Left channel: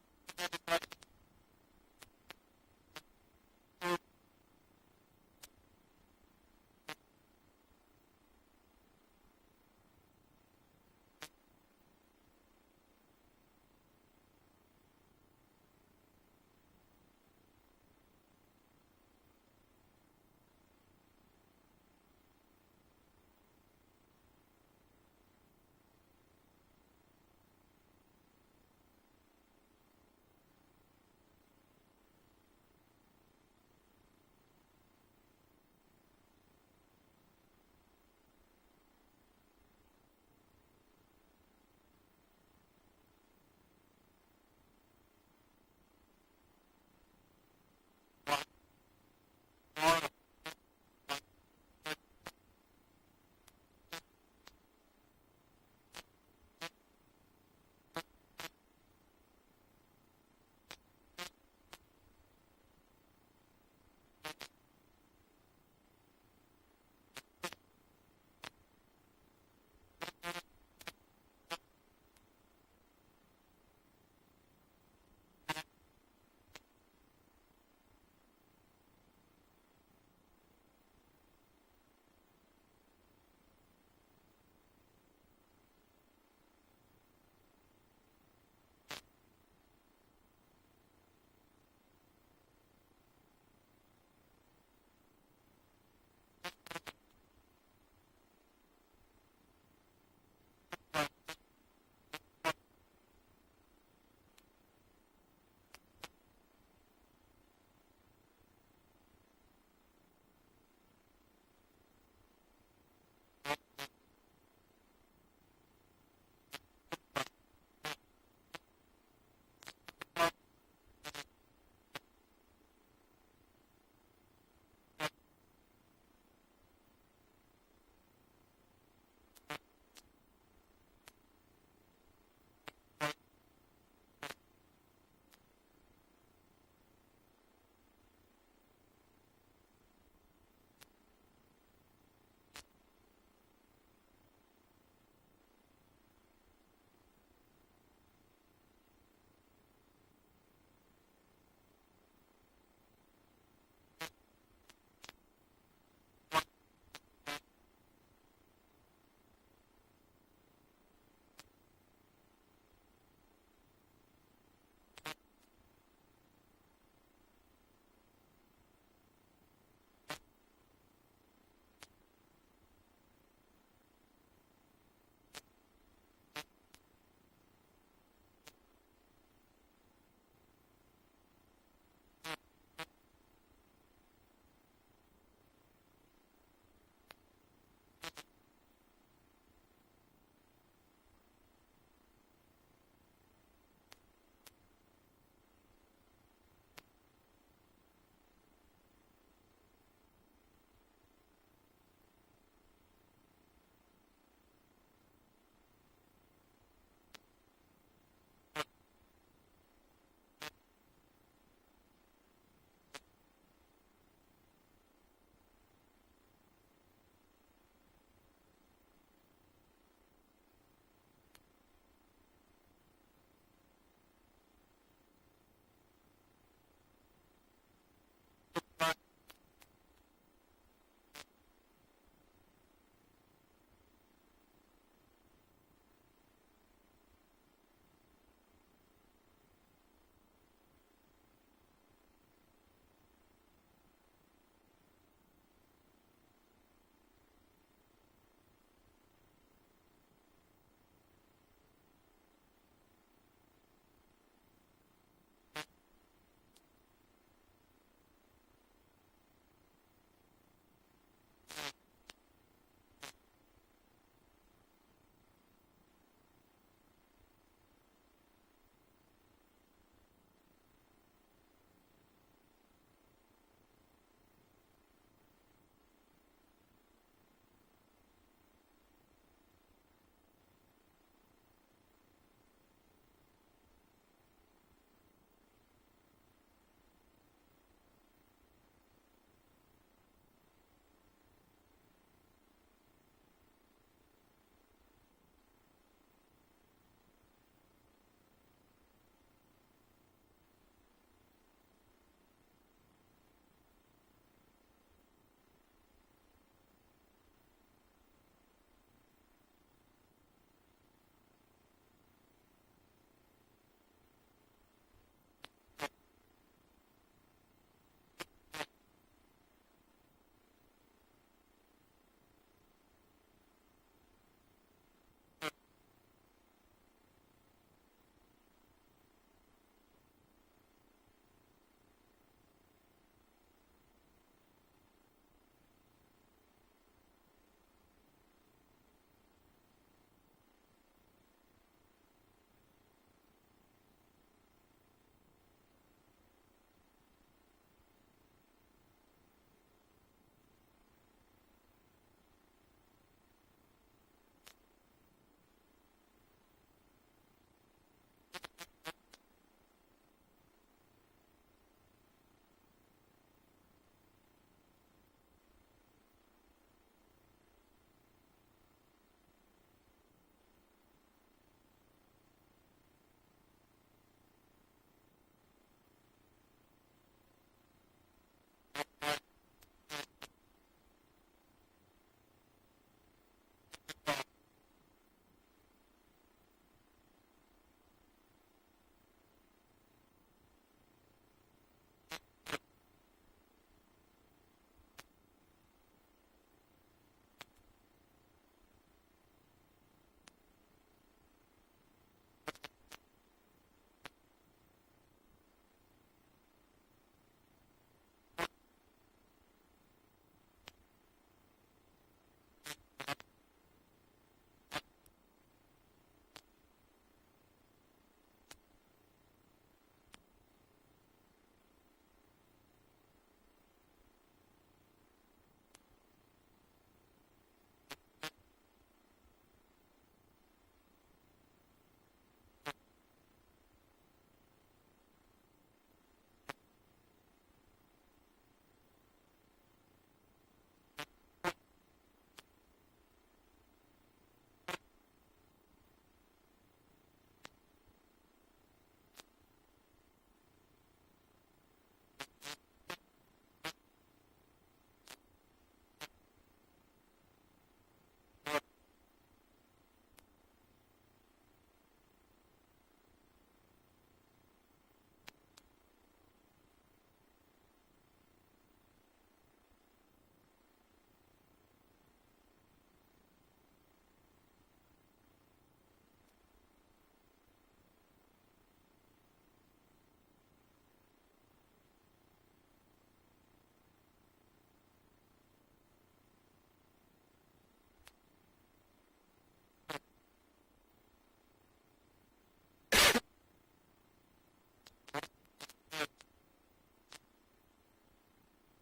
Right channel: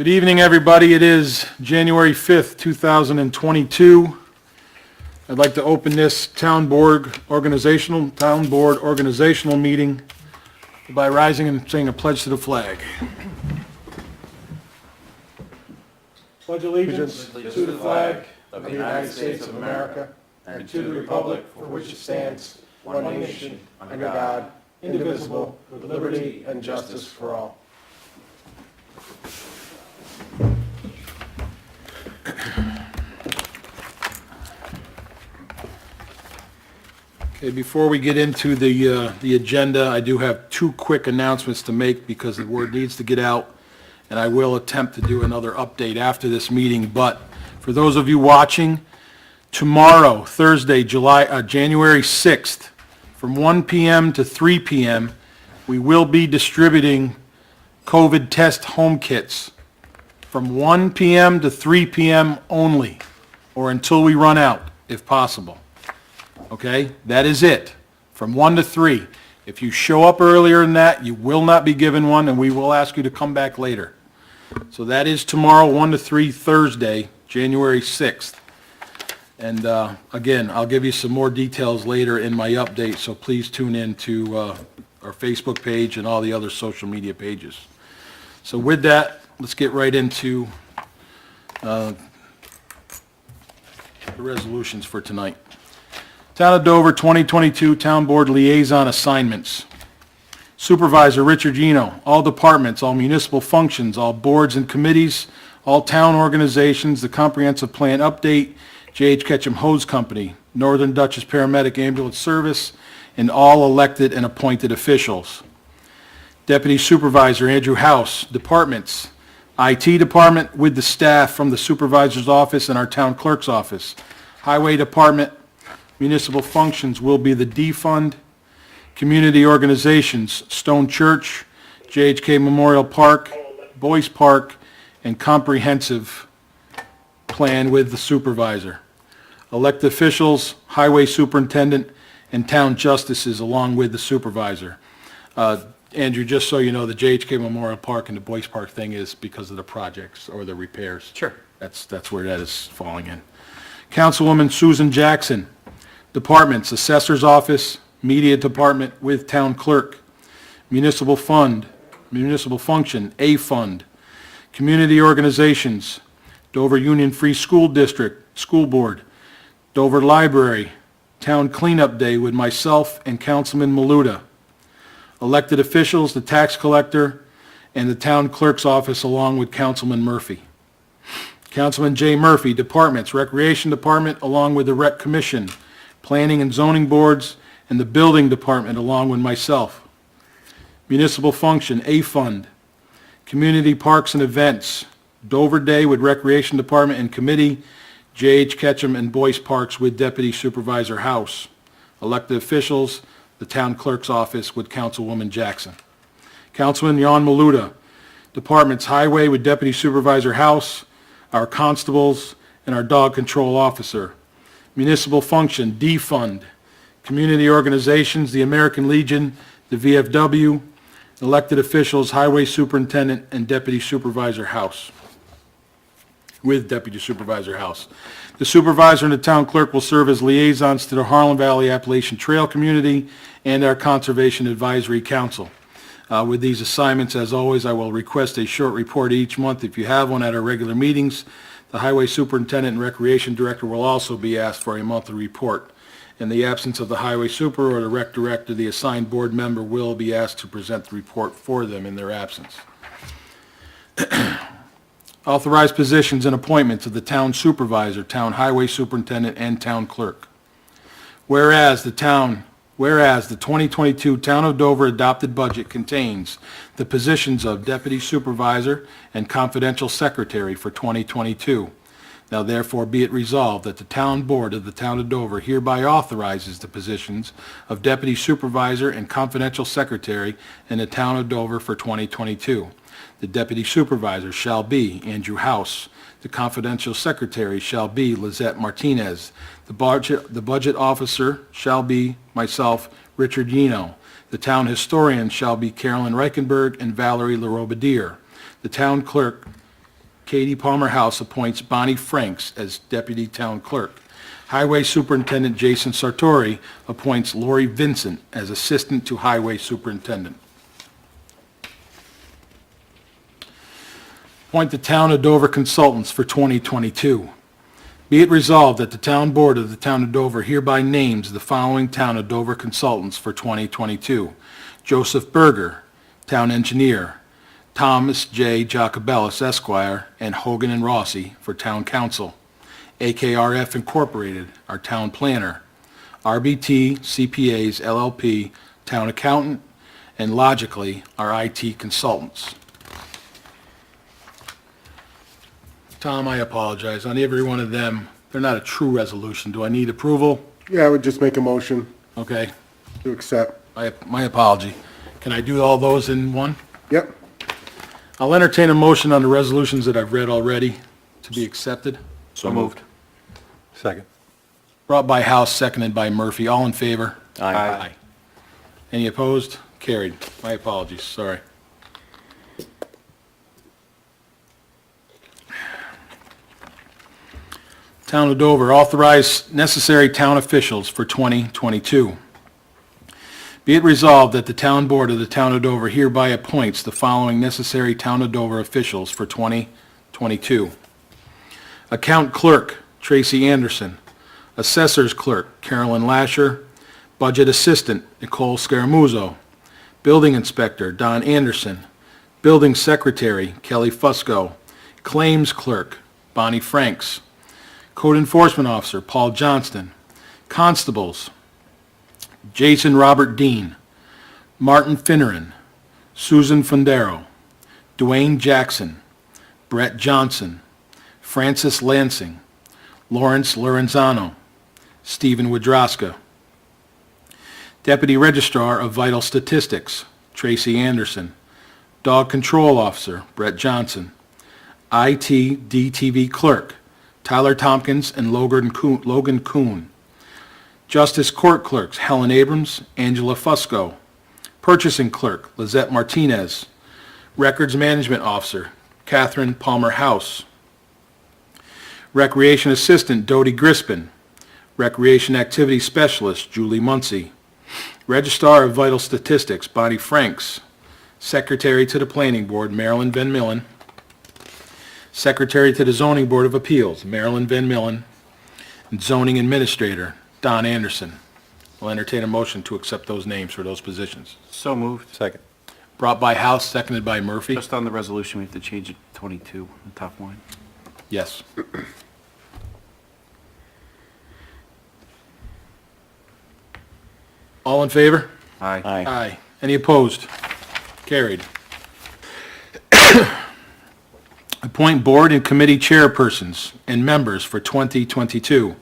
Good evening, everybody. It is January 5th, 2022. I'd like to open this town board organizational meeting by rising and saying a pledge to the flag. Pledge allegiance to the flag of the United States of America and to the republic for which it stands, one nation, under God, indivisible, with liberty and justice for all. Okay, before we get into the agenda, I do have two quick announcements to make because the word needs to get out, and I will attempt to do another update after this meeting. But for those of you watching, tomorrow, Thursday, January 6th, from 1 p.m. to 3 p.m., we will be distributing COVID test home kits from 1 p.m. to 3 p.m. only, or until we run out, if possible. Okay, that is it, from 1 to 3. If you show up earlier than that, you will not be given one, and we will ask you to come back later. So that is tomorrow, 1 to 3, Thursday, January 6th. And again, I'll give you some more details later in my update, so please tune in to our Facebook page and all the other social media pages. So with that, let's get right into the resolutions for tonight. Town of Dover 2022 Town Board Liaison Assignments. Supervisor Richard Gino, all departments, all municipal functions, all boards and committees, all town organizations, the comprehensive plan update, J.H. Ketchum Hose Company, Northern Dutchess Paramedic Ambulance Service, and all elected and appointed officials. Deputy Supervisor Andrew House, departments, IT Department with the staff from the Supervisor's office and our Town Clerk's office. Highway Department, municipal functions will be the D Fund. Community organizations, Stone Church, JHK Memorial Park, Boyce Park, and comprehensive plan with the supervisor. Elected officials, highway superintendent, and town justices along with the supervisor. Andrew, just so you know, the JHK Memorial Park and the Boyce Park thing is because of the projects or the repairs. Sure. That's where that is falling in. Councilwoman Susan Jackson, departments, assessor's office, media department with town clerk, municipal fund, municipal function, A fund, community organizations, Dover Union Free School District, school board, Dover Library, town cleanup day with myself and Councilman Maluta, elected officials, the tax collector, and the town clerk's office along with Councilman Murphy. Councilman J. Murphy, departments, recreation department along with the rec commission, planning and zoning boards, and the building department along with myself. Municipal function, A fund, community parks and events, Dover Day with recreation department and committee, J.H. Ketchum and Boyce Parks with Deputy Supervisor House. Elected officials, the town clerk's office with Councilwoman Jackson. Councilman Jan Maluta, departments, highway with Deputy Supervisor House, our constables, and our dog control officer. Municipal function, D Fund, community organizations, the American Legion, the VFW, elected officials, highway superintendent, and Deputy Supervisor House, with Deputy Supervisor House. The supervisor and the town clerk will serve as liaisons to the Harlem Valley Appalachian Trail community and our Conservation Advisory Council. With these assignments, as always, I will request a short report each month if you have one at our regular meetings. The highway superintendent and recreation director will also be asked for a monthly report. In the absence of the highway super or the rec director, the assigned board member will be asked to present the report for them in their absence. Authorized positions and appointments of the town supervisor, town highway superintendent, and town clerk. Whereas the 2022 Town of Dover adopted budget contains the positions of Deputy Supervisor and Confidential Secretary for 2022. Now therefore be it resolved that the Town Board of the Town of Dover hereby authorizes the positions of Deputy Supervisor and Confidential Secretary in the Town of Dover for 2022. The Deputy Supervisor shall be Andrew House. The Confidential Secretary shall be Lizette Martinez. The budget officer shall be myself, Richard Gino. The town historian shall be Carolyn Reichenberg and Valerie LaRobadier. The town clerk Katie Palmer House appoints Bonnie Franks as Deputy Town Clerk. Highway Superintendent Jason Sartori appoints Lori Vincent as Assistant to Highway Superintendent. Appoint the Town of Dover Consultants for 2022. Be it resolved that the Town Board of the Town of Dover hereby names the following Town of Dover Consultants for 2022. Joseph Berger, Town Engineer, Thomas J. Jacobellis, Esquire, and Hogan and Rossi for Town Council. AKRF Incorporated, our Town Planner. RBT CPAs LLP, Town Accountant, and Logically, our IT Consultants. Tom, I apologize. On every one of them, they're not a true resolution. Do I need approval? Yeah, I would just make a motion Okay, to accept. my apology. Can I do all those in one? Yep. I'll entertain a motion on the resolutions that I've read already to be accepted. So moved. Second. Brought by House, seconded by Murphy. All in favor? Aye. Any opposed? Carried. My apologies, sorry. Town of Dover, authorize necessary town officials for 2022. Be it resolved that the Town Board of the Town of Dover hereby appoints the following necessary Town of Dover officials for 2022. Account Clerk, Tracy Anderson. Assessor's Clerk, Carolyn Lasher. Budget Assistant, Nicole Scaramuzzo. Building Inspector, Don Anderson. Building Secretary, Kelly Fusco. Claims Clerk, Bonnie Franks. Code Enforcement Officer, Paul Johnston. Constables, Jason Robert Dean, Martin Finneran, Susan Fundero, Dwayne Jackson, Brett Johnson, Francis Lansing, Lawrence Lorenzano, Stephen Wodroska. Deputy Registrar of Vital Statistics, Tracy Anderson. Dog Control Officer, Brett Johnson. IT DTV Clerk, Tyler Tompkins and Logan Kuhn. Justice Court Clerks, Helen Abrams, Angela Fusco. Purchasing Clerk, Lizette Martinez. Records Management Officer, Catherine Palmer House. Recreation Assistant, Dodie Grispin. Recreation Activity Specialist, Julie Muncie. Registrar of Vital Statistics, Bonnie Franks. Secretary to the Planning Board, Marilyn Van Millen. Secretary to the Zoning Board of Appeals, Marilyn Van Millen. And Zoning Administrator, Don Anderson. I'll entertain a motion to accept those names for those positions. So moved. Second. Brought by House, seconded by Murphy. Just on the resolution, we have to change it to 22, the top line. Yes. All in favor? Aye. Aye. Any opposed? Carried. Appoint board and committee chairpersons and members for 2022.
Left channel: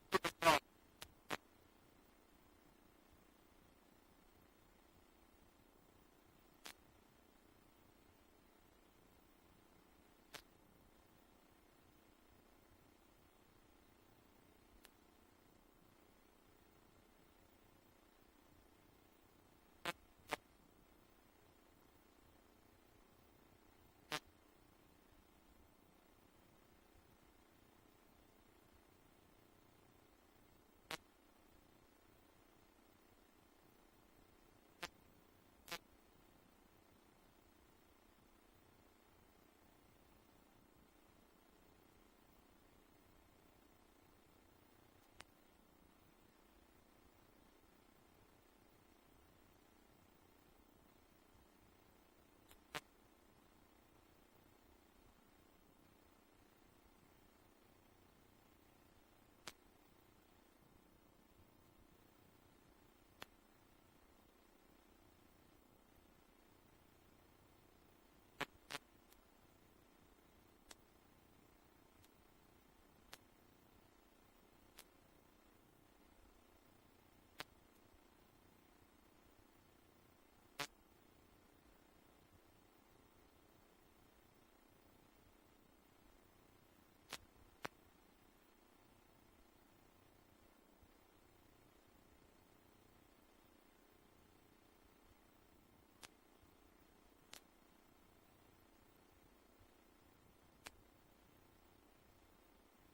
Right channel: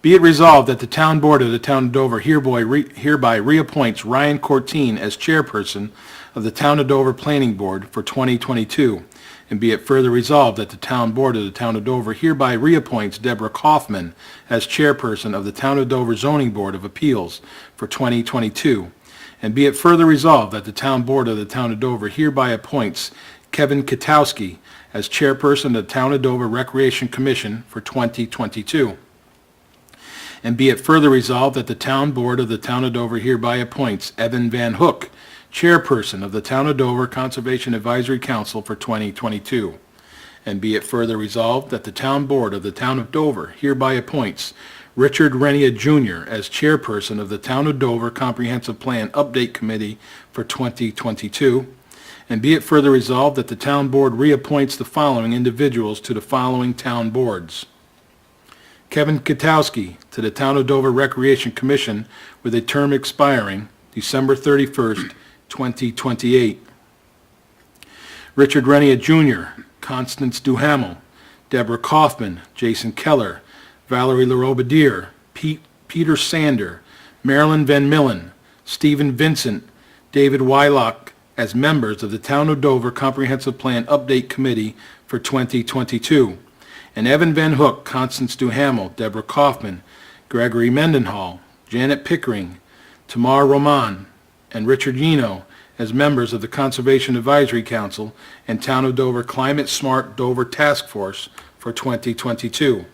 Be it resolved that the Town Board of the Town of Dover hereby reappoints Ryan Courtine as chairperson of the Town of Dover Planning Board for 2022. And be it further resolved that the Town Board of the Town of Dover hereby reappoints Deborah Kaufman as chairperson of the Town of Dover Zoning Board of Appeals for 2022. And be it further resolved that the Town Board of the Town of Dover hereby appoints Kevin Katowski as chairperson of the Town of Dover Recreation Commission for 2022. And be it further resolved that the Town Board of the Town of Dover hereby appoints Evan Van Hook, chairperson of the Town of Dover Conservation Advisory Council for 2022. And be it further resolved that the Town Board of the Town of Dover hereby appoints Richard Renia Jr. as chairperson of the Town of Dover Comprehensive Plan Update Committee for 2022. And be it further resolved that the Town Board reappoints the following individuals to the following town boards. Kevin Katowski to the Town of Dover Recreation Commission with a term expiring December 31st, 2028. Richard Renia Jr., Constance Duhamel, Deborah Kaufman, Jason Keller, Valerie LaRobediere, Peter Sander, Marilyn Van Millen, Stephen Vincent, David Wylock as members of the Town of Dover Comprehensive Plan Update Committee for 2022. And Evan Van Hook, Constance Duhamel, Deborah Kaufman, Gregory Mendenhall, Janet Pickering, Tamar Roman, and Richard Yino as members of the Conservation Advisory Council and Town of Dover Climate Smart Dover Task Force for 2022.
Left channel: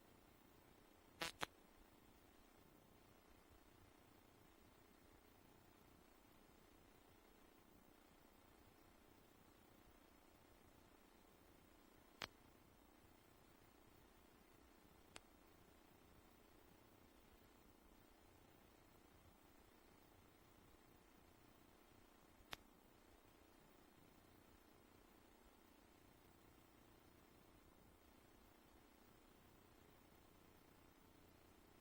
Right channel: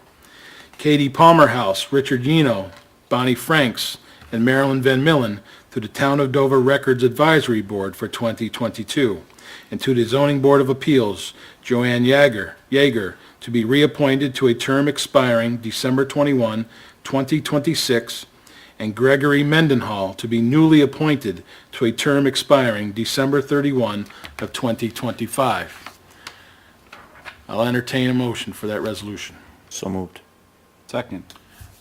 Katie Palmer House, Richard Yeno, Bonnie Franks, and Marilyn Van Millen to the Town of Dover Records Advisory Board for 2022. And to the Zoning Board of Appeals, Joanne Yeager, to be reappointed to a term expiring December 21, 2026, and Gregory Mendenhall to be newly appointed to a term expiring December 31 of 2025. I'll entertain a motion for that resolution. So moved. Second.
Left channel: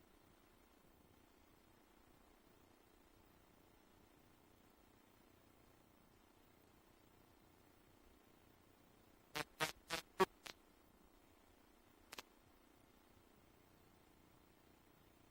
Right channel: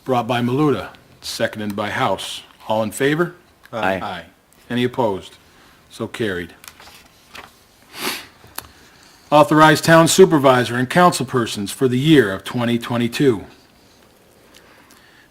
Brought by Maluda, seconded by House. All in favor? Aye. Any opposed? So carried. Authorize town supervisor and councilpersons for the year of 2022.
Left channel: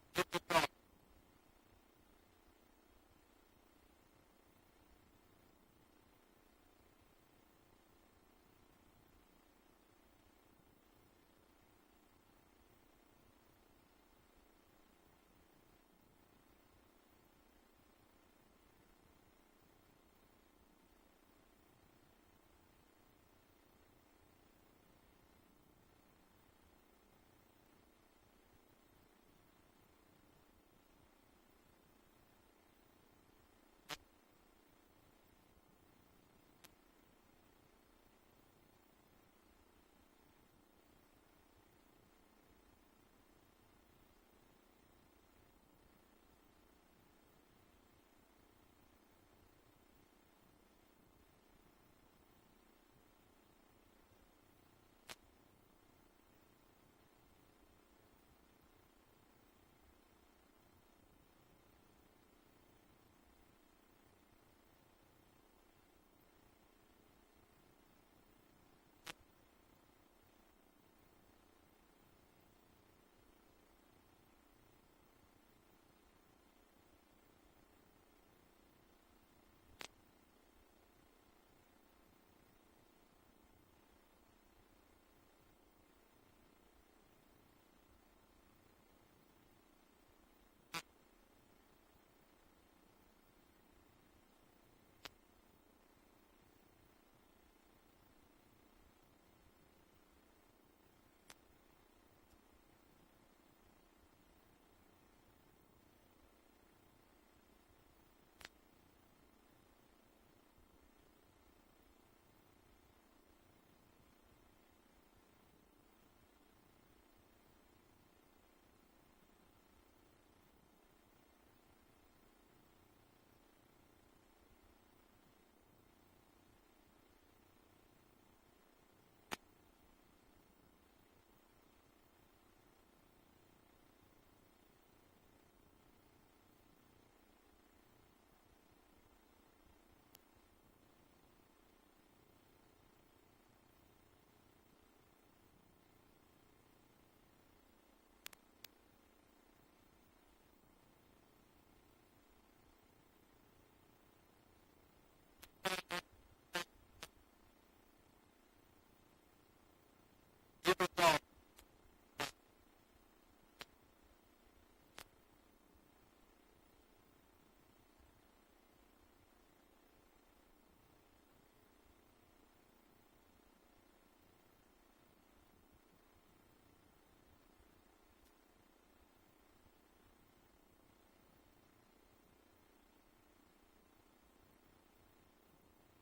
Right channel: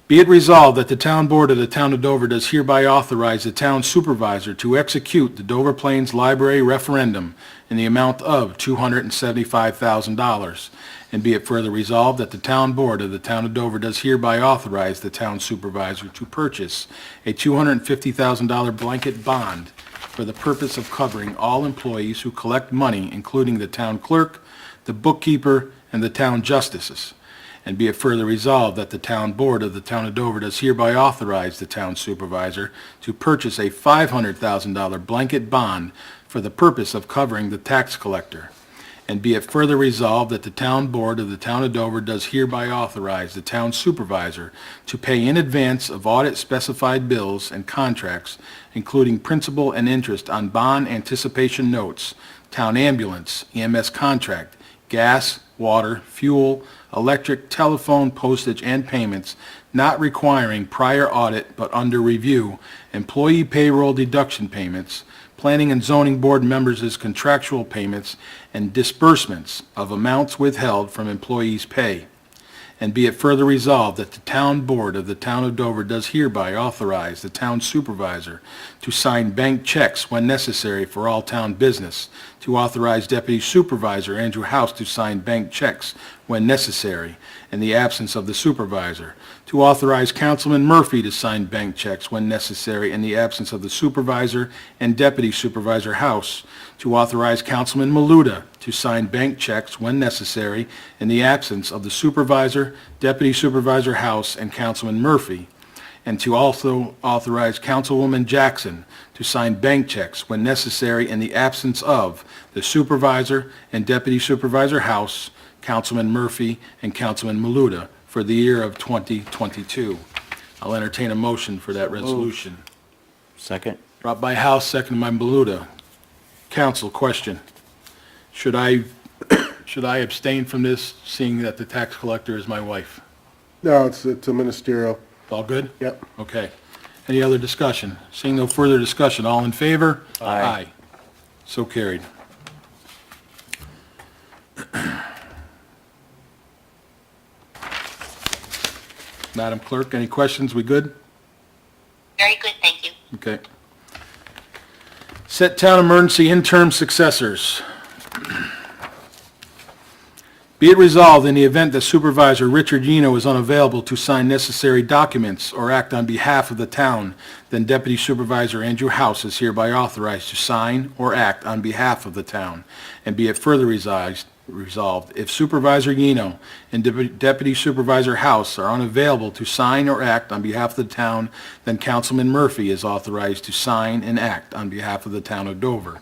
Be it resolved that the town board of the town of Dover does hereby authorize the town supervisor to execute the Dover Plains Library referendum in the amount of $275,000. And be it further resolved that the town board of the town of Dover does hereby authorize the town supervisor to purchase a $250,000 blanket bond for the purpose of covering all employees who collect money, including the town clerk, the bookkeeper, and the town justices. And be it further resolved that the town board of the town of Dover does hereby authorize the town supervisor to purchase a $500,000 blanket bond for the purpose of covering the tax collector. And be it further resolved that the town board of the town of Dover does hereby authorize the town supervisor to pay in advance of audit specified bills and contracts, including principal and interest on bond anticipation notes, town ambulance, EMS contract, gas, water, fuel, electric, telephone, postage, and payments not requiring prior audit but under review, employee payroll deduction payments, planning and zoning board members' contractual payments, and disbursements of amounts withheld from employees' pay. And be it further resolved that the town board of the town of Dover does hereby authorize the town supervisor to sign bank checks when necessary for all town business, to authorize Deputy Supervisor Andrew House to sign bank checks when necessary in the absence of the supervisor, to authorize Councilman Murphy to sign bank checks when necessary in the absence of the supervisor and Deputy Supervisor House, to authorize Councilman Maluda to sign bank checks when necessary in the absence of the supervisor, Deputy Supervisor House, and Councilman Murphy, and to also authorize Councilwoman Jackson to sign bank checks when necessary in the absence of the supervisor and Deputy Supervisor House, Councilman Murphy, and Councilman Maluda for the year of 2022. I'll entertain a motion for that resolution. Second. Brought by House, seconded by Maluda. Council, question. Should I abstain from this, seeing that the tax collector is my wife? No, it's a ministerial. All good? Yep. Okay. Any other discussion? Seeing no further discussion, all in favor? Aye. So carried. Madam Clerk, any questions? We good? Very good, thank you. Okay. Set town emergency interim successors. Be it resolved, in the event that Supervisor Richard Yeno is unavailable to sign necessary documents or act on behalf of the town, then Deputy Supervisor Andrew House is hereby authorized to sign or act on behalf of the town. And be it further resolved, if Supervisor Yeno and Deputy Supervisor House are unavailable to sign or act on behalf of the town, then Councilman Murphy is authorized to sign and act on behalf of the town of Dover.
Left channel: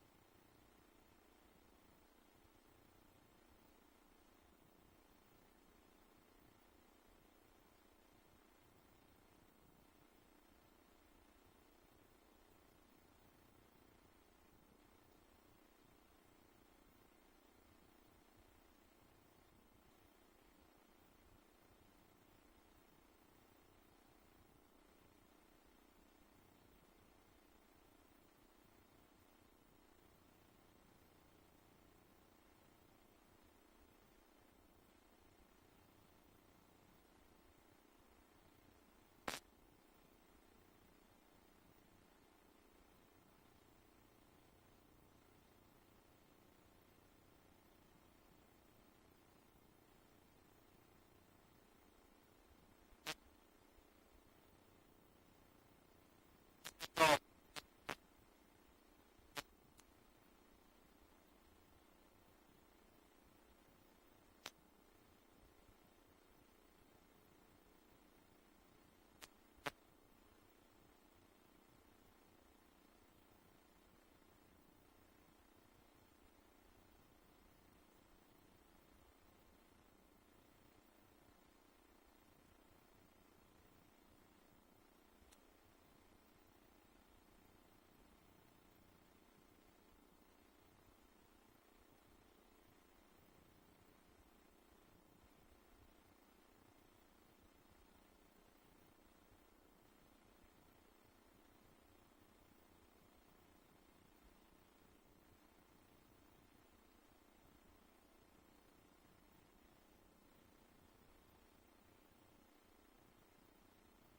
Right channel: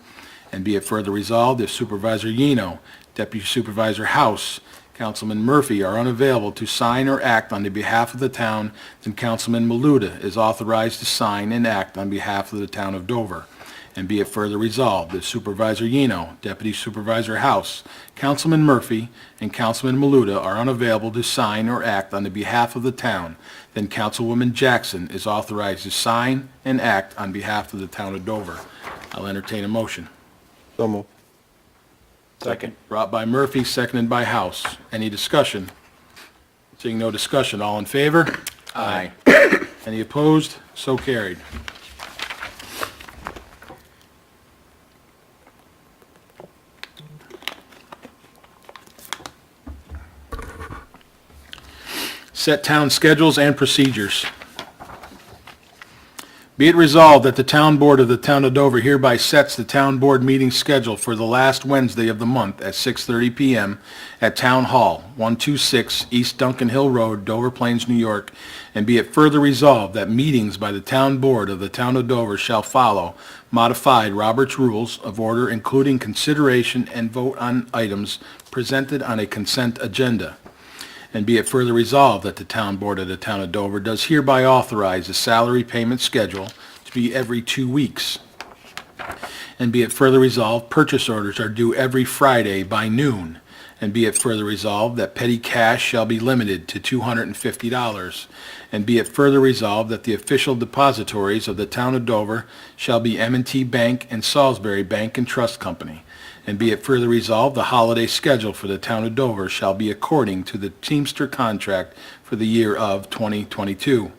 And be it further resolved, if Supervisor Yeno, Deputy Supervisor House, Councilman Murphy are unavailable to sign or act on the behalf of the town, then Councilman Maluda is authorized to sign and act on behalf of the town of Dover. And be it further resolved that Supervisor Yeno, Deputy Supervisor House, Councilman Murphy, and Councilman Maluda are unavailable to sign or act on the behalf of the town, then Councilwoman Jackson is authorized to sign and act on behalf of the town of Dover. I'll entertain a motion. So moved. Second. Brought by Murphy, seconded by House. Any discussion? Seeing no discussion, all in favor? Aye. Any opposed? So carried. Set town schedules and procedures. Be it resolved that the Town Board of the Town of Dover hereby sets the Town Board meeting schedule for the last Wednesday of the month at 6:30 PM at Town Hall, 126 East Duncan Hill Road, Dover Plains, New York, and be it further resolved that meetings by the Town Board of the Town of Dover shall follow modified Robert's Rules of Order, including consideration and vote on items presented on a consent agenda. And be it further resolved that the Town Board of the Town of Dover does hereby authorize the salary payment schedule to be every 2 weeks. And be it further resolved, purchase orders are due every Friday by noon. And be it further resolved that petty cash shall be limited to $250. And be it further resolved that the official depositories of the Town of Dover shall be M&T Bank and Salisbury Bank and Trust Company. And be it further resolved, the holiday schedule for the Town of Dover shall be according to the Teamster contract for the year of 2022.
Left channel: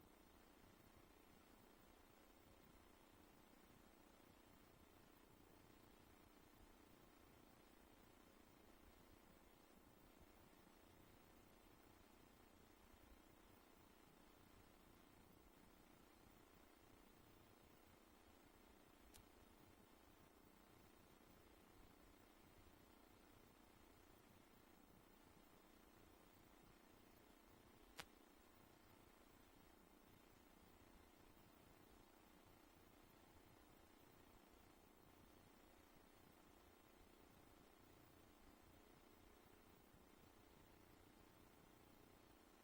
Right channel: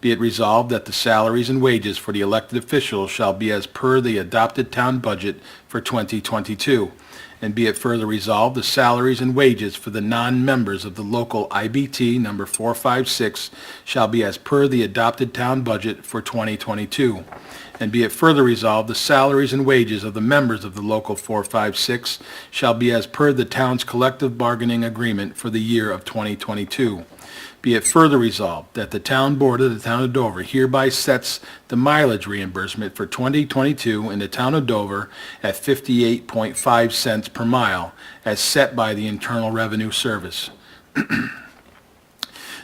Be it resolved that the salaries and wages for the elected officials shall be as per the adopted town budget for 2022. And be it further resolved, the salaries and wages for the non-members of the local IBT number 456 shall be as per the adopted town budget for 2022. And be it further resolved, the salaries and wages of the members of the local 456 shall be as per the town's collective bargaining agreement for the year of 2022. Be it further resolved that the Town Board of the Town of Dover hereby sets the mileage reimbursement for 2022 in the Town of Dover at 58.5 cents per mile, as set by the Internal Revenue Service.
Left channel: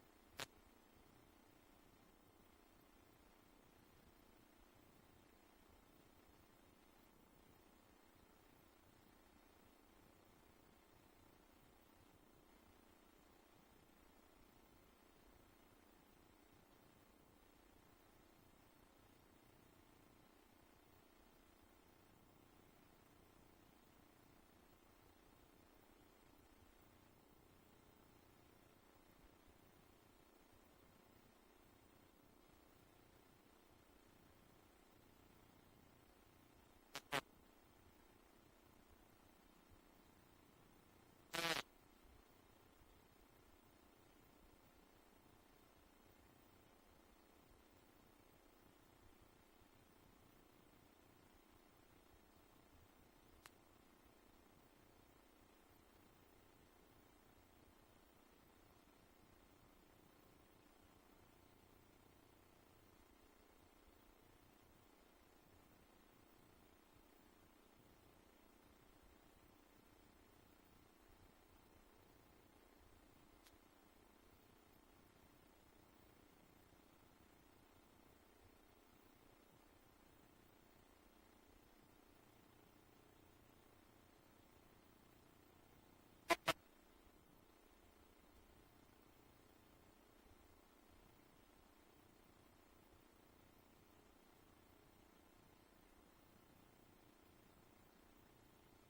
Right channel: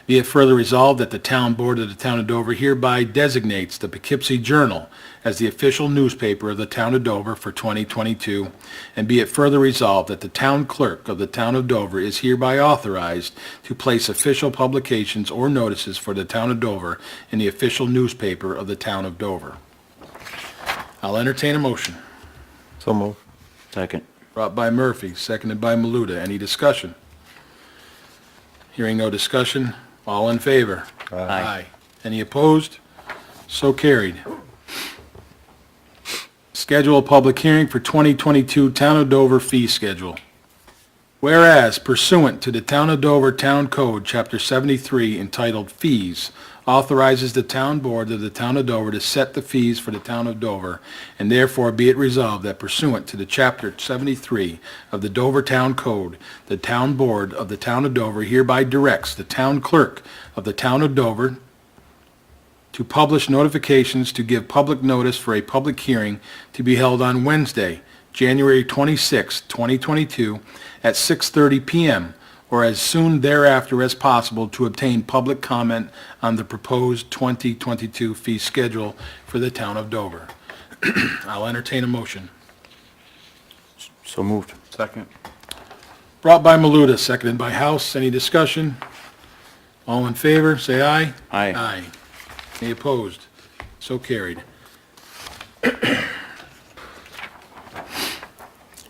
Be it further resolved that the Town Board of the Town of Dover hereby designates the Poughkeepsie Journal as the official newspaper of the Town of Dover for 2022, and be it further resolved that the Town Clerk of the Town of Dover is hereby authorized to place official publications or notices for the Town of Dover in the official newspaper of the Town of Dover. I'll entertain a motion. So moved. Second. Brought by Murphy, seconded by Maluda. Any discussion? Hearing no discussion, all in favor? Aye. Any opposed? So carried. Schedule a public hearing for 2022 Town of Dover fee schedule. Whereas pursuant to the Town of Dover Town Code, Chapter 73, entitled Fees, authorizes the Town Board of the Town of Dover to set the fees for the Town of Dover, and therefore be it resolved that pursuant to the Chapter 73 of the Dover Town Code, the Town Board of the Town of Dover hereby directs the Town Clerk of the Town of Dover to publish notifications to give public notice for a public hearing to be held on Wednesday, January 26, 2022, at 6:30 p.m., or as soon thereafter as possible to obtain public comment on the proposed 2022 fee schedule for the Town of Dover. I'll entertain a motion. So moved. Second. Brought by Maluda, seconded by House. Any discussion? All in favor, say aye. Aye. Aye. Any opposed? So carried.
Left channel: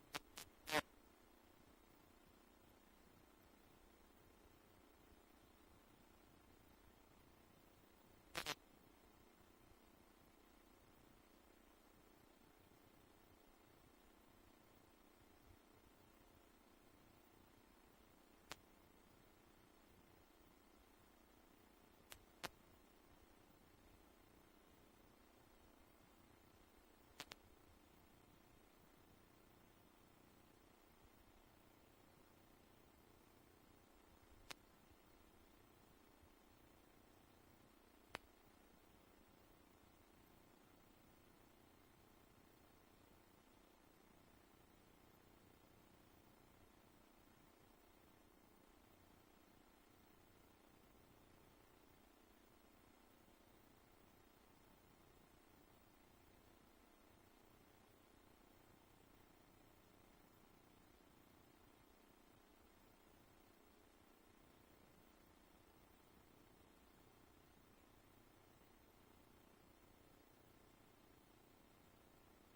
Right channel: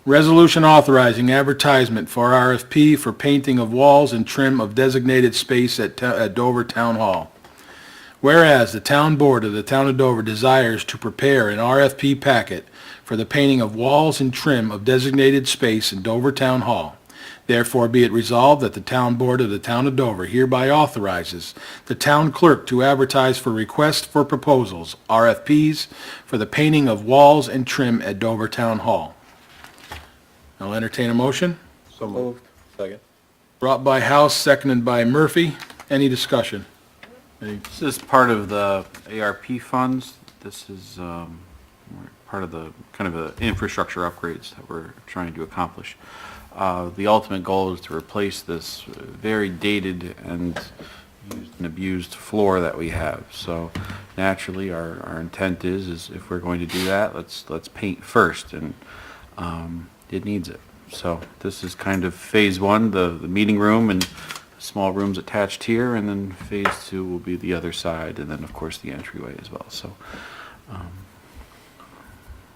Resolution authorizing advertisement for RFP for painting of walls and trim of designated space at Dover Town Hall. Whereas the Town Board of the Town of Dover desires to prepare an RFP packet for the painting of walls and trim of designated space in Dover Town Hall. Therefore be it resolved that the Town Board of the Town of Dover hereby authorizes the Town Clerk to advertise for requests for proposals, RFPs, for the painting of walls and trim at Dover Town Hall. I'll entertain a motion. So moved. Second. Brought by House, seconded by Murphy. Any discussion? This is part of the ARP funds. This is part of the kind of the infrastructure upgrades that we're trying to accomplish. The ultimate goal is to replace this very dated and used and abused floor that we have. So naturally, our intent is if we're going to do that, let's paint first, and it needs it. So this is kind of phase one, the meeting room and small rooms attached here, and then phase two will be the other side, and then of course the entryway as well. So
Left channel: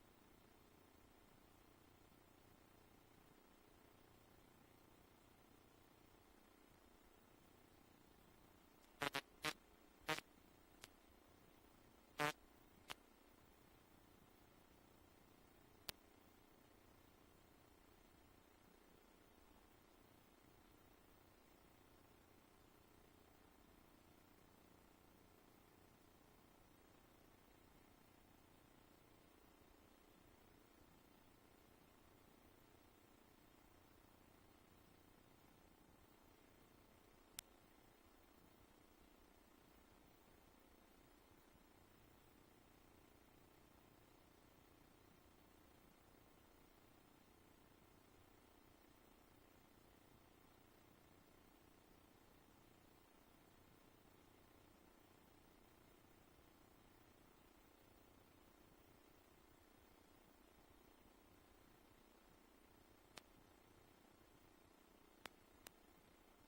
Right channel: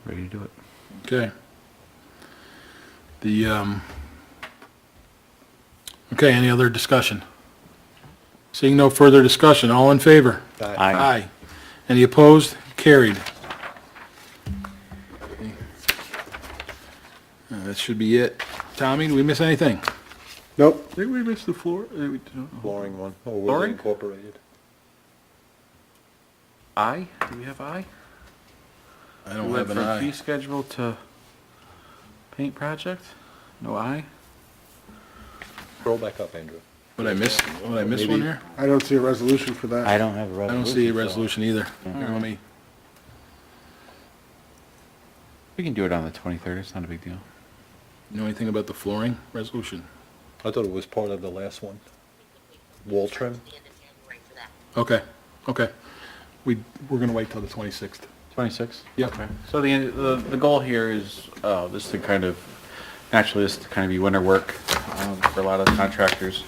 ready to do it. Okay. Okay, any other discussion? Seeing no further discussion, all in favor? Aye. Any opposed? Carried. That should be it. Tommy, did we miss anything? Nope. Did we miss the floor? Flooring one. Oh, Flooring? Incorporated. I? Do we have I? I don't We have went an from fee I. schedule to paint project? No I? Scroll back up, Andrew. Would I miss one Maybe- here? I don't see a resolution for that. I don't have a I resolution. don't see a so- resolution either. Here, let me, We can do it on the 23rd, it's not a big deal. know anything about the flooring resolution? I thought it was part of the last one. Wall trim? The end of January for that. Okay, okay. We're gonna wait till the 26th. 26? Yep. Okay. So the goal here is this to kind of, naturally, this to kind of be winter work for a lot of contractors.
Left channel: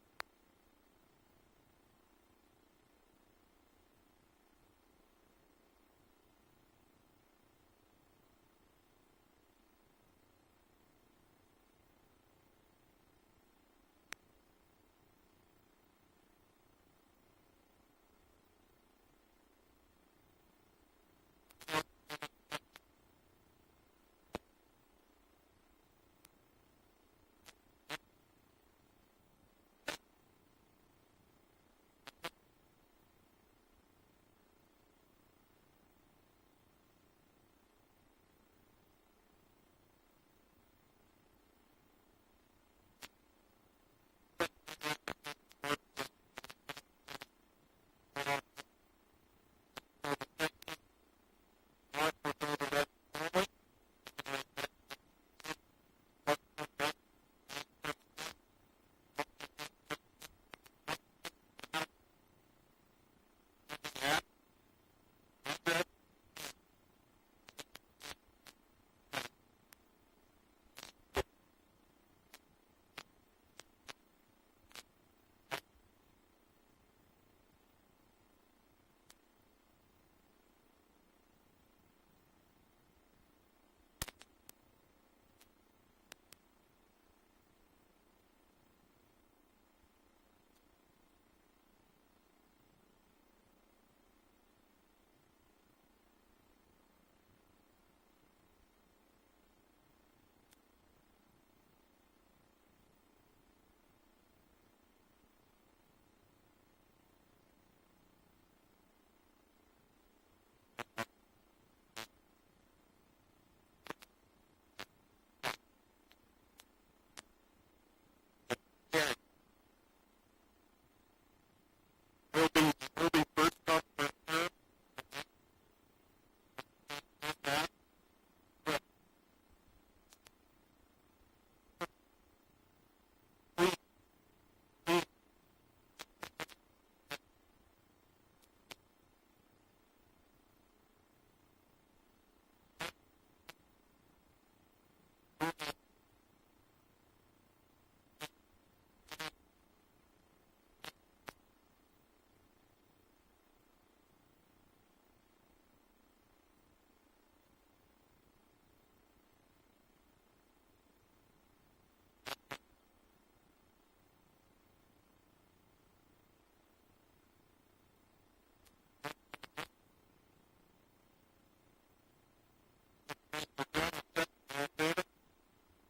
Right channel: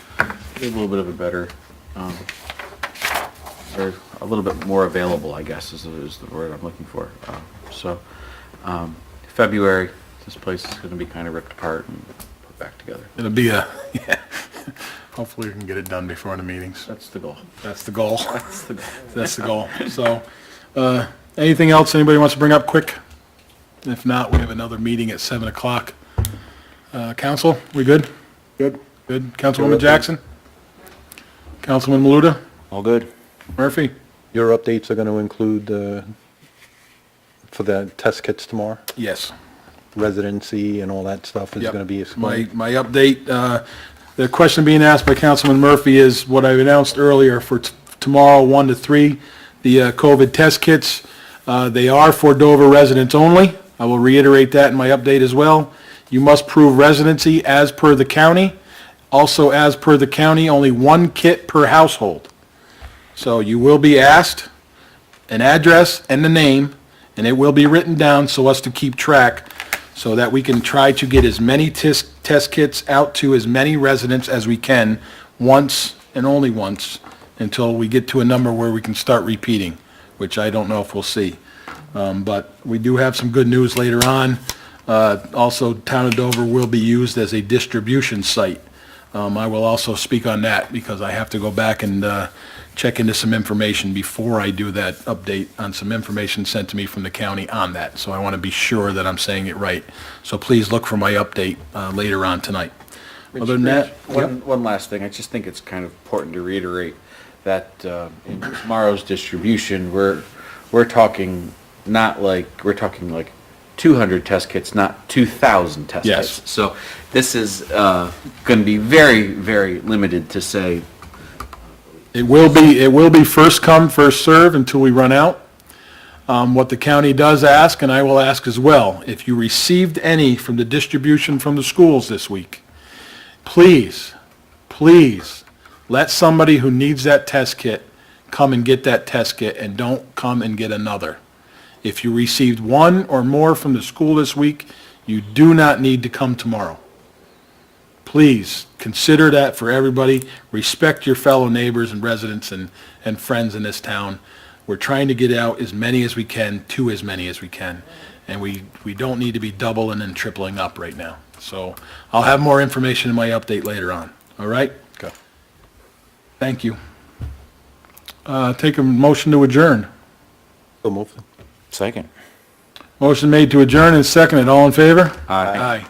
Get a little bit of a better, or a little bit more available, I guess, is the word I'm looking for. February, this place is going to be kind of ripped apart and put back together. It'll be a, yeah. Hopefully we can get it done before the meetings. That's the goal. That's the goal. That's the goal. That's the goal. So, anything else anybody wants to bring up quick? If not, we have another meeting at 7 o'clock. Council, we good? Good. Good. Councilwoman Jackson? Councilman Maluta? All good? Murphy? Your updates are going to include, for the test kits tomorrow? Yes. Residency and all that stuff is Yep. going to be My explained? update, the question being asked by Councilman Murphy is what I announced earlier for tomorrow, 1 to 3, the COVID test kits. They are for Dover residents only. I will reiterate that in my update as well. You must prove residency as per the county. Also, as per the county, only 1 kit per household. So you will be asked an address and the name, and it will be written down so as to keep track, so that we can try to get as many test kits out to as many residents as we can, once and only once, until we get to a number where we can start repeating, which I don't know if we'll see. But we do have some good news later on. Also, Town of Dover will be used as a distribution site. I will also speak on that, because I have to go back and check into some information before I do that update on some information sent to me from the county on that. So I want to be sure that I'm saying it right. So please look for my update later on tonight. Other than that, One last thing, I just think it's kind of important to reiterate that in tomorrow's distribution, we're talking we're talking like 200 test kits, not 2,000 test Yes. kits. So this is going to be very, very limited to say, it will be first come, first serve until we run out. What the county does ask, and I will ask as well, if you received any from the distribution from the schools this week, please, please, let somebody who needs that test kit come and get that test kit, and don't come and get another. If you received 1 or more from the school this week, you do not need to come tomorrow. Please, consider that for everybody. Respect your fellow neighbors and residents and friends in this town. We're trying to get out as many as we can to as many as we can. And we don't need to be doubling and tripling up right now. So I'll have more information in my update later on. All right? Okay. Thank you. Take a motion to adjourn. So moved. Second. Motion made to adjourn and seconded. All in favor? Aye. Aye.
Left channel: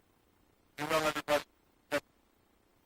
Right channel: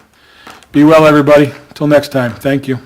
Be well, everybody. Till next time. Thank you.